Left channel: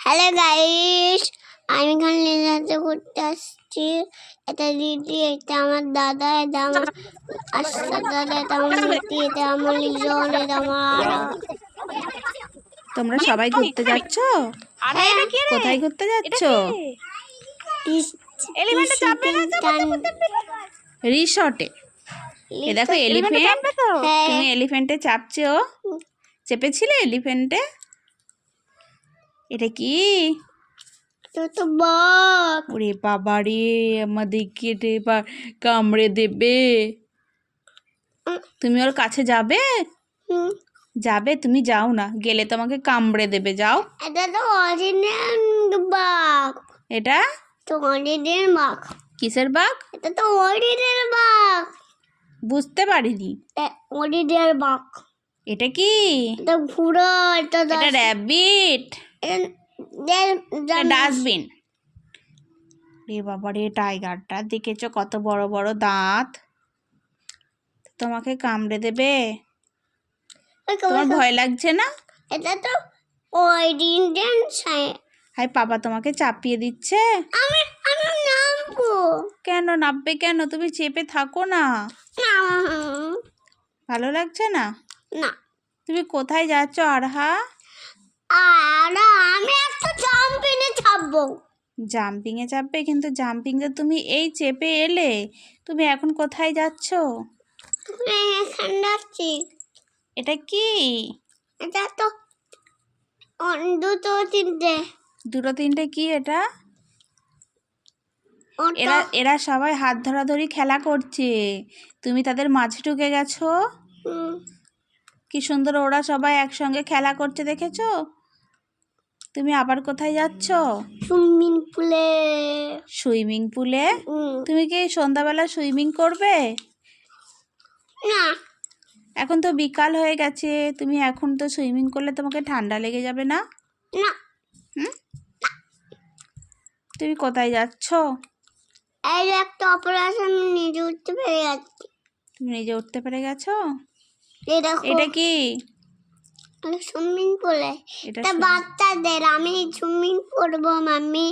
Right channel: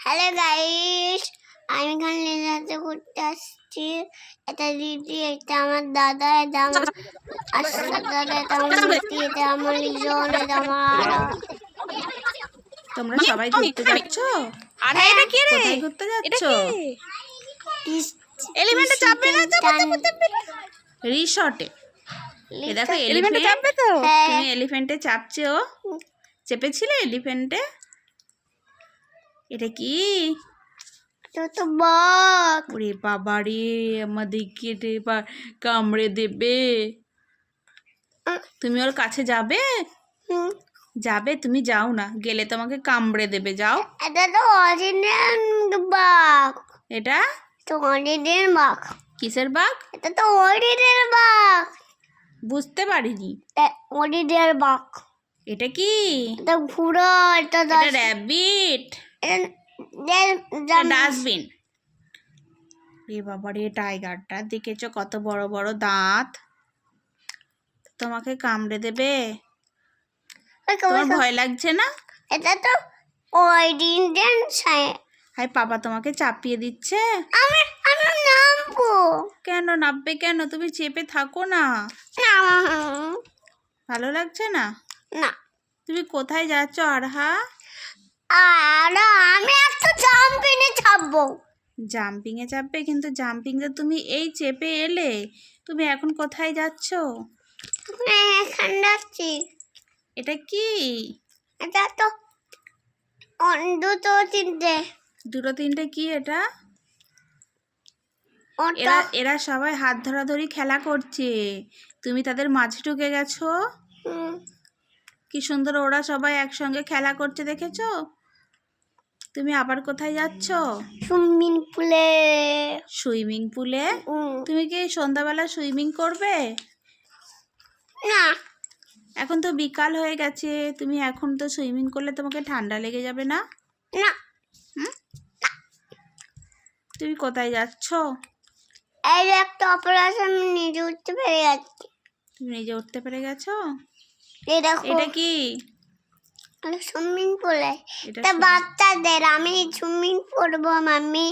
Hello guys আমি এখানে লেজাতে ঘুরতে আসছি। এটা দিদি এটা আমার দাদা এটা আমার দাদা এটা আমার দিদি এটা আমার লিজন এটা আমার তোমরা সবাই ঘুরতে যাচ্ছ? আর এটা কি রে? কোথায় ঘুরতে এটা যাচ্ছ? কি? এলিমেন্টে চাপবে না চাপবে রিসর্টে এ। দেখো এলিমেন্টে এলিফ্যান্ট চাপবে তো? হ্যাঁ। তুমি এলিফ্যান্টে চাপছো? চেপেছিলে এলিফ্যান্টে এটা কি? তো তো বক ওরে বাবা রে আমাদেরকে রে এবার কামড়ে দেবে। তুমি ওর কাছে যাবে? যাবে? তুমি যাও না গেলে তোমাকে কামড়ে দেবে যাও। এটা তো অরিজিনাল বাঘ। এটা? তো অরিজিনাল বাঘ। কিসের বাঘ? এটা তো অরিজিনাল বাঘ। বুঝতে পারিনি। অরিজিনাল বাঘ। এটা কি? এটা ঘুরা এটা এটা র্যাবিট। ডাস্টবিন রে বাবা রে টাইগারটা দেখেছ কত বড় বড় দাঁত? তোমাকে কামড়ে দেবে? তোমার ভয় লাগছে না? এটা তো অরিজিনাল হাই পাপা তোমাকে চাপিয়ে দিচ্ছে? আমি আমি নামবো। কেন কেন? তুমি চেপে থাকো না। ভালো লাগছে না? না। তুমি কোথায় যাচ্ছ আরহা? আর থাকব জাম্পিংয়ে চাপবে কিন্তু জাম্পিংয়ে তুমি এই চেপে এলে তুমি এখন কোথায় যাচ্ছ? এখানে যাচ্ছি। এটা কি? এটা তো দুটো তিনটে। দুটো তিনটে কি এটা? এরা এরা সবাই হাত ধরাধরি খেলা করছে। তুমি তাদের মাঝে ঢুকে গেছো? কি সুন্দর ওরা সবাই একসঙ্গে খেলা করছে দেখেছ? তুমি আবার কোথায় যাচ্ছ? সুইমিং পুলে। সুইমিং পুলে? তুমি কি সন্ধ্যাবেলা সুইমিং করবে? না। এখন তো বিকাল হয়ে গেছে তুমি এখন তো সুইমিং করলে তোমাকে ঠান্ডা লেগে যাবে না? না। তুমি কোথায় যাচ্ছ? এই যে একটা অপারেশন নিজে উঠতে পেরে যাচ্ছি তুমি নিজে উঠতে পেরে গেছো? এটা কি? সুইমিং পুলে এটা বাচ্চাদের আমি সুইমিং করব মাম্মি।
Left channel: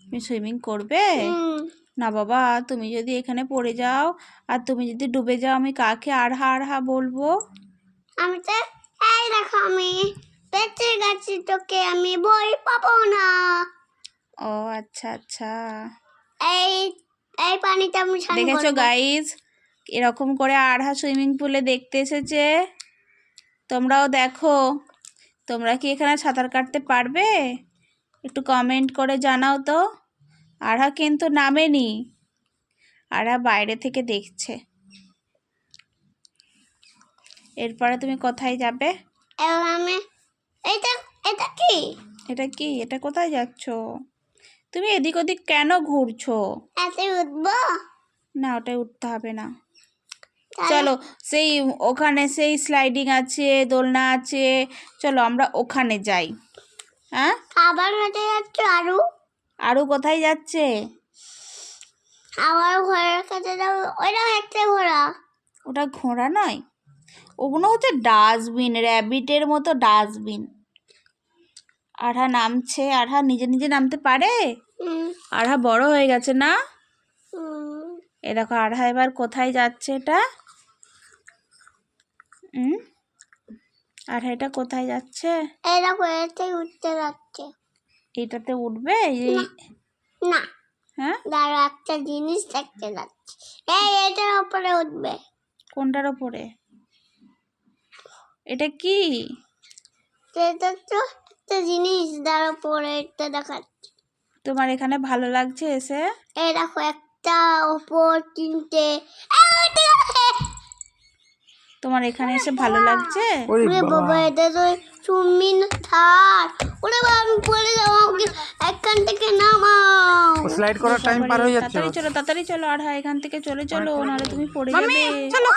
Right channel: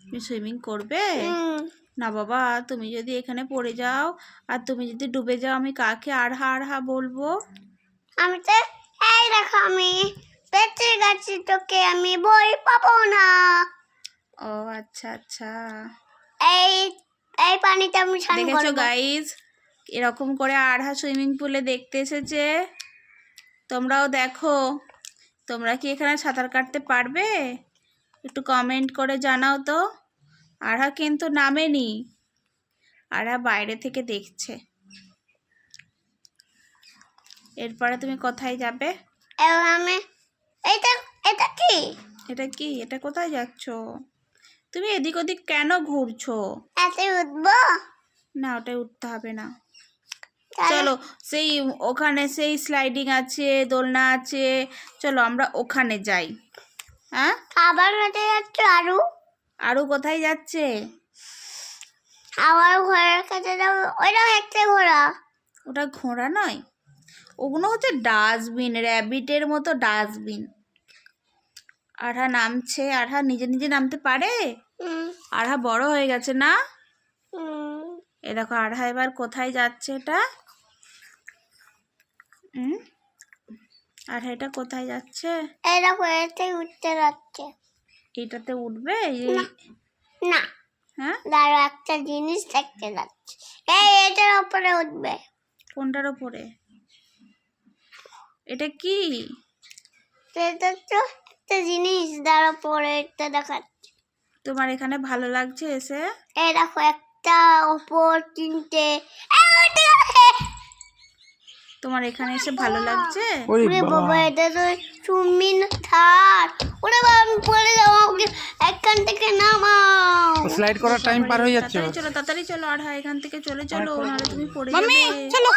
তুমি সুইমিং করবে? না বাবা তুমি যদি এখানে পড়ে যাও আর তুমি যদি ডুবে যাও আমি কাকে আড়হা আড়হা বলব? আমি তো এই দেখো আমি বেঁচে গেছি তোকে আমি বই পাবো না। ও আচ্ছা আচ্ছা। এই এই পানিতে আমি স্নান দেখেছ করব। গাইজ এরকম করে আড়হা সুইমিং পুলে দেখতে এসেছে? তোমরাও দেখো। তোমরা কি এখানে সাঁতার কাটতে পারবে? একটু কমেন্ট করে জানাও তো। আড়হা কিন্তু নামেনি। আড়হা বাইরে থেকে দেখছে। এরপরে তুমি কোথায় যাবে? আমি এটা এটা কি? এটা কি? এটা কোথায় যাচ্ছ? তুমি এদিক ওদিক কেন ঘুরছো? এতে উঠবো? না ওটাই উঠতে হবে না। চলো সেই ওখানে সেই স্লাইডিং আছে দোলনা আছে। চলো আমরা ওখানে যাই। হ্যাঁ? আবার হেঁটে যাচ্ছে আরু? আরও কোথায় যাচ্ছে? আবার ঘরের কাছে যাব। ওইটাও একটা ঘোড়া। ওটা ঘোড়া নয়। ওগুলো হচ্ছে ডাস্টবিন র্যাবিটের মতো ডাস্টবিন আরহা নামছে। আরহা নিজে নিজে নামতে পারে? আরহা বড় হয়ে গেছে না? এ দেখো আরহা এবার কোথায় যাচ্ছে এটা? হুম? আরহা এটা কোথায় যাচ্ছে? এই দেখো উঠতে যাচ্ছে। এটাতে উঠবে? না হ্যাঁ? দাঁড়ো একটা জিনিস দেখতে যাচ্ছে। এই এটার উপরে উঠবে। কোনটার ওপরে? এটা কি? এটা তো একটা জিনিস। দাঁড়ো পরে এটা দেখাচ্ছে। তোমার এখানে ভালো লাগছে এসে? এই দেখো একটা ওপর তিনটে। তোমার এখানে এসে ভালো লাগছে? ওরে বাবা। এটা তো সুমিন থার ওরে বাবা আমি পড়ে যাব আমাকে এখান থেকে নামাও। স্লাইড করার টাইম পার হয়ে যাচ্ছে। চলো তাড়াতাড়ি চলো আর হ্যাঁ এখান থেকে চলে চলো নাহলে তুমি পড়ে যাবে। চলো।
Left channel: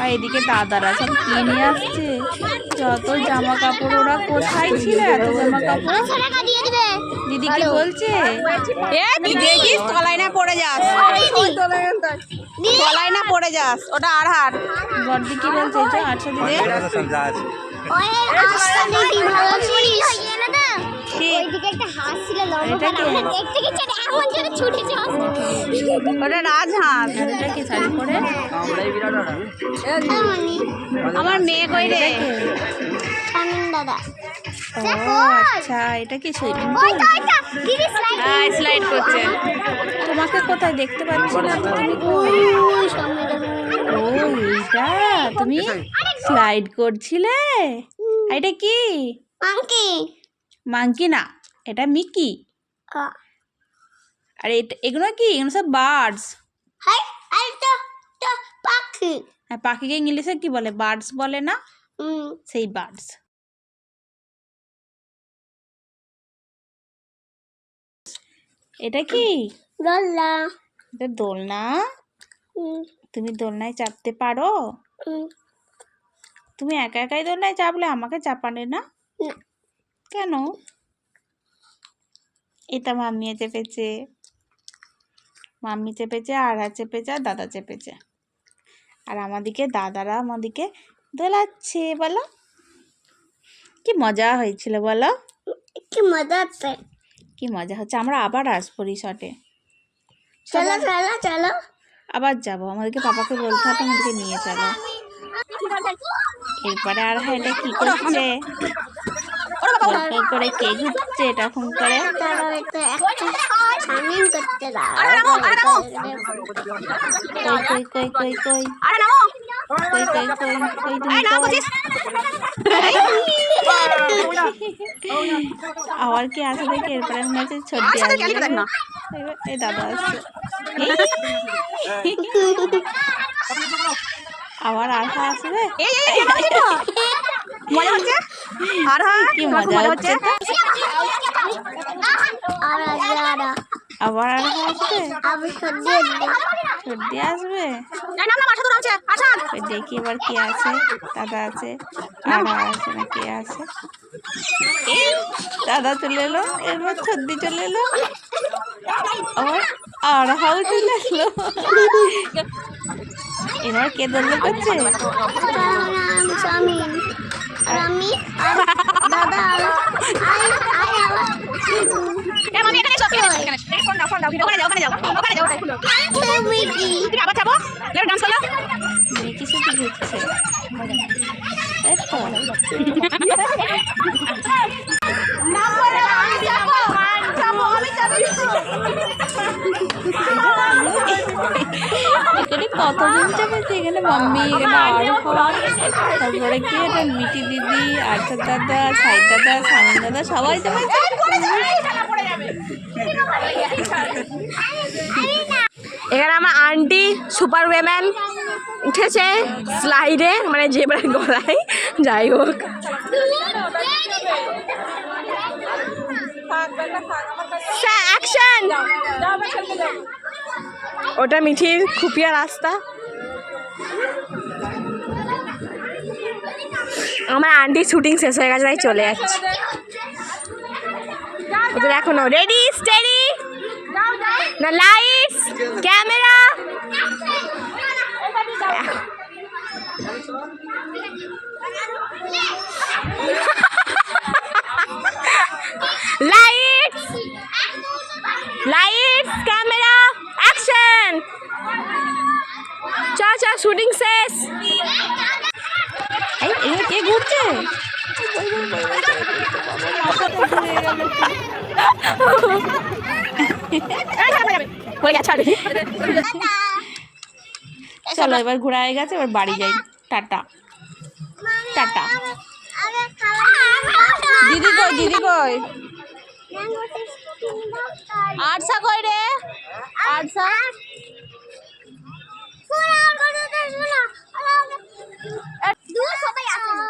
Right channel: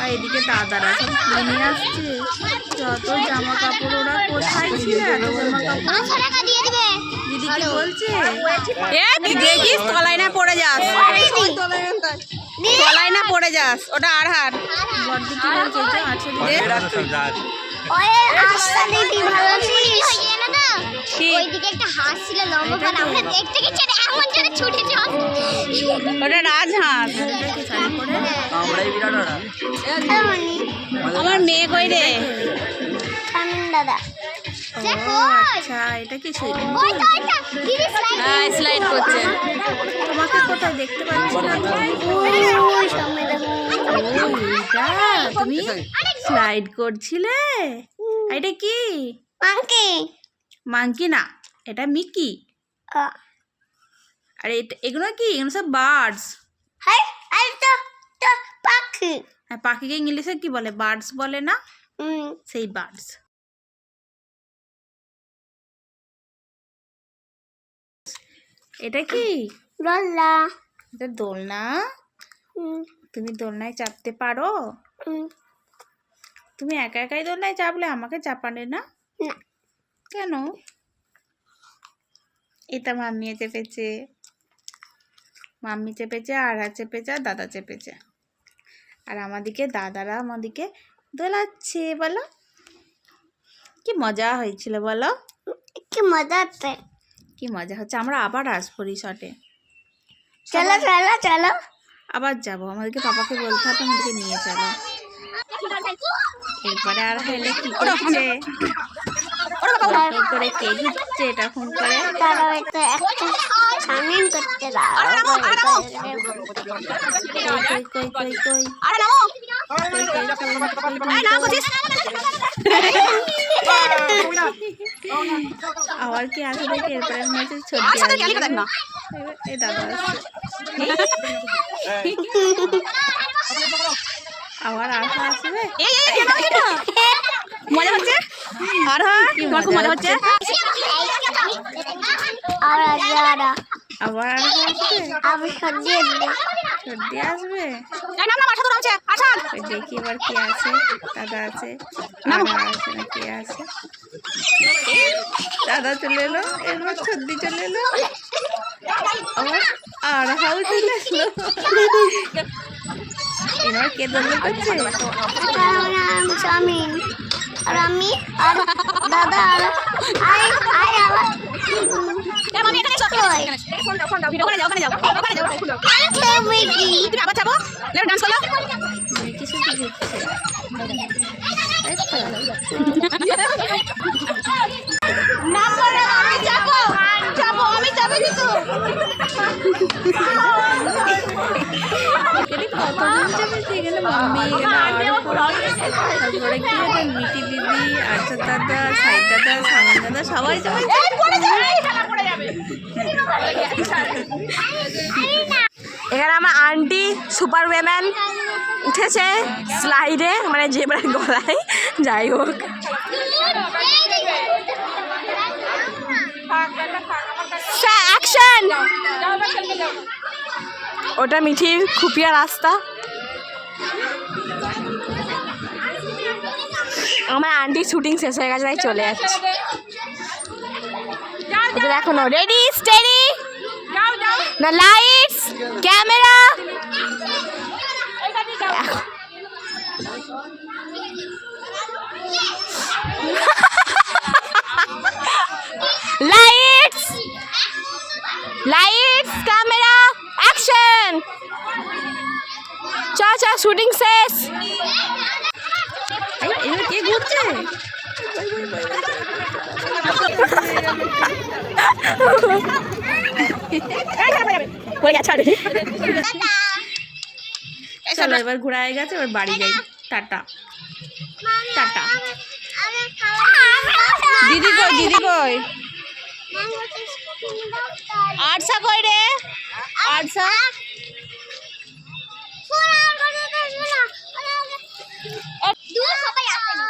আর এদিকে দাদারা সব কিনে আসছে। যত জামা কাপড় ওরা কোথায় ছিল এত জামা কাপড় পাঁচশো টাকা দিয়ে দিবে। দিদি কি বলছে? এ দেখিস তলায় না পড়ে যাস? তলায় না পড়ে যাস ওটা আর হার। ওটা রাজহাঁস। আমার মেয়ে কই রে? দাদা। আচ্ছা এটা কি স্লাইড স্লাইড করছে। তোমাকে কোথাও দেখতে পাচ্ছি না। ওই সামনে দেখো। ও তুমি স্লাইড করছিলে? এটা কি? মাংকি মাংকি না এটা মিকি আর এটা এগুলো কি? এগুলো সব বার্ডস হাই আর তো তো পাখি। আর পাখিকে ইংলিশে কি বলে? বার্ডস বলে না? সেই বার্ডস এটা কি? রল্লা এটা দোলনা? তুমি দোলনায় চাপতে পারো? তুমি একা একাই দোলনায় চাপলে আমাকে চাপালে না। কেন? এটা মাম্মি চেপেছে। মাম্মি চেপেছে আড়া চেপেছে আর দাদা চেপেছে। আর আমাদিকে দাদারা আমাদিকে দোলাচ্ছে বলো। কি মজা হয়েছিল বলো। কি মজা আছে কি মজা হচ্ছে? আমরা আবার আসব রিসর্টে চলো চলো চলো। আবার যাব। আমাদেরকে পাপাকে বলতে হবে আমাদেরকে নিয়ে চলো। এরপরে আর হইলে কি করছে? করে কে এরকম করে? তারা হয়তো একটা সামিন করতে দাও। কই কই কই কই কই? আরে নামো। আবার কি আছে দেখি এরপরে হচ্ছে ছবি দেখ না। এই দাদা আবার আশা আসবে এই এই কে বলছিস মজা হচ্ছে? আর হ্যাঁ? কি তোমার খুব মজা হচ্ছে? আর যারা আবার আসবে আমি সর্দি আসবে। না দেখি এবার কি আছে। দাদা আছে দাদা আছে না কে আছে? দাদা চলে এলো এবার ছদ্দি চলে এলো। আর হাউ চলে আসলো এবার কে দলে করছে? আমি আর আমি আর দাদা আর মামি এখানে এসো এখানে এসো, ফোন দাও ফোন দাও ভিডিও ওখানে যাও ওখানে যাও ওখানে যাও ওখানে খুলো খেলবে কি তুমি আবার যাব লেট ডান্স করো। কিছু কি এখানে কতজন কি এখানে মাম্মি তারপরে কি মিটি দিদি আর্চার দাদা সাই দাদা সামন দাদা সবাই যাবে এখানে আমার আন্টি সুপার উইমেন উঠেছে স্লাইডে মানে জেবরার গলায়। যাই হোক। অ্যাকশন! ওটা মিঠির খুপিয়া রাস্তা। আমার আন্টির শুটিং শেষ হয়ে গেছে, তাই চলে যাচ্ছে। ওদের এখনও রেডি স্টেডি না lights camera lights lights camera action চা চা শুটিং শেষ এই এবার কে ঘুরছে হয়ে গেছে already। চলো এবার ঘোরা হয়ে গেছে এবার বাড়ি যাই। টাটা। টাটা। দিদি কই দিদি কই? আটশা কই রে? আটশা দূর সবাই আসেনি।